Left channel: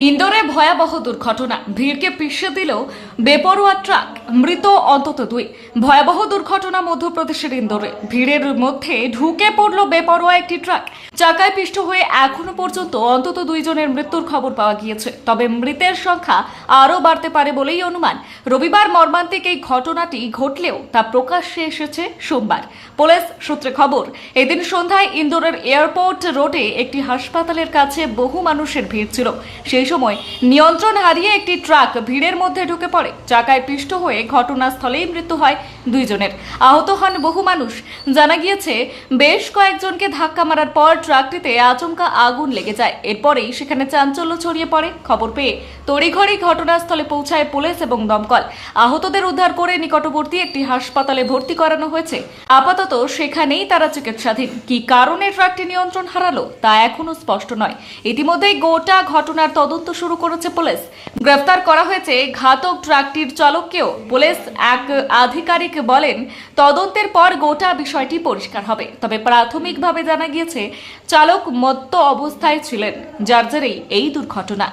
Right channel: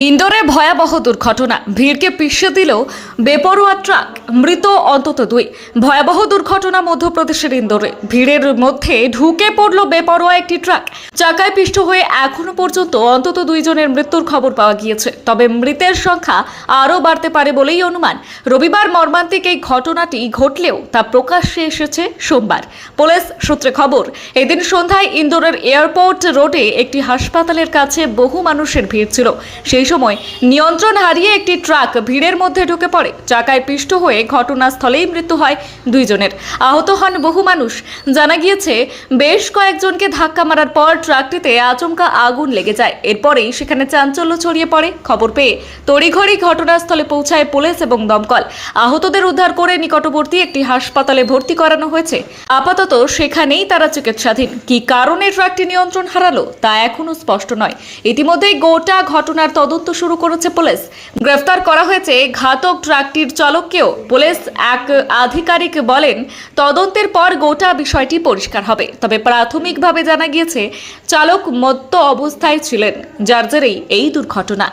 ইন্দোরে ভয়াবহ দুর্ঘটনা। ভিড়কে পিষে দিল বেপরোয়া ট্রাক মৃত অন্তত দুই। ভয়াবহ দুর্ঘটনা মধ্যপ্রদেশের ইন্দোরে। ভিড়ের মধ্যে ঢুকে পড়ল বেপরোয়া একটি ট্রাক। চাকায় পিষ্ট হয়ে এখনও পর্যন্ত অন্তত দুইজনের মৃত্যুর খবর পাওয়া গিয়েছে। তবে মৃতের সংখ্যা আরও বাড়তে পারে বলেই অনুমান। রবিবার মর্মান্তিক এই ঘটনাটি ঘটলেও তা প্রকাশ্যে এসেছে সোমবার। পুলিশ সূত্রে খবর, এদিন সন্ধ্যায় ইন্দোরের এয়ারপোর্ট রোডে একটি হাসপাতালের কাছে বহু মানুষের ভিড় ছিল। সেই সময় নিয়ন্ত্রণ হারিয়ে একটি ট্রাক ভিড়ের মধ্যে ঢুকে পড়ে। চাকায় পিষ্ট হয়ে ঘটনাস্থলেই মৃত্যু হয় দুইজনের। আহত হন বহু মানুষ। জানা গিয়েছে, বেশ কয়েকজনকে ধাক্কা মারার পর ট্রাকটিতে আচমকা আগুন লেগে যায়। এরপরেই সেখানে চাঞ্চল্য ছড়িয়ে পড়ে। খবর পেয়ে তড়িঘড়ি ঘটনাস্থলে পৌঁছায় পুলিশ এবং দমকল। আহতদের উদ্ধার করে নিকটবর্তী একটি হাসপাতালে ভর্তি করানো হয়েছে। আপাতত সেখানেই তারা চিকিৎসাধীন। কি কারণে ট্রাকটি নিয়ন্ত্রণ হারালো তা এখনও স্পষ্ট নয়। ইতিমধ্যেই গোটা ঘটনার তদন্ত শুরু করেছে পুলিশ। গ্রেফতার করা হয়েছে ঘাতক ট্রাকটির চালককেও। পুলিশ এক আধিকারিক বলেন, তদন্তের পর গোটা বিষয়টি পরিষ্কার হবে। তবে প্রাথমিকভাবে জানা গিয়েছে, চালক মত্ত অবস্থায় ছিলেন, যার জেরেই এই দুর্ঘটনা।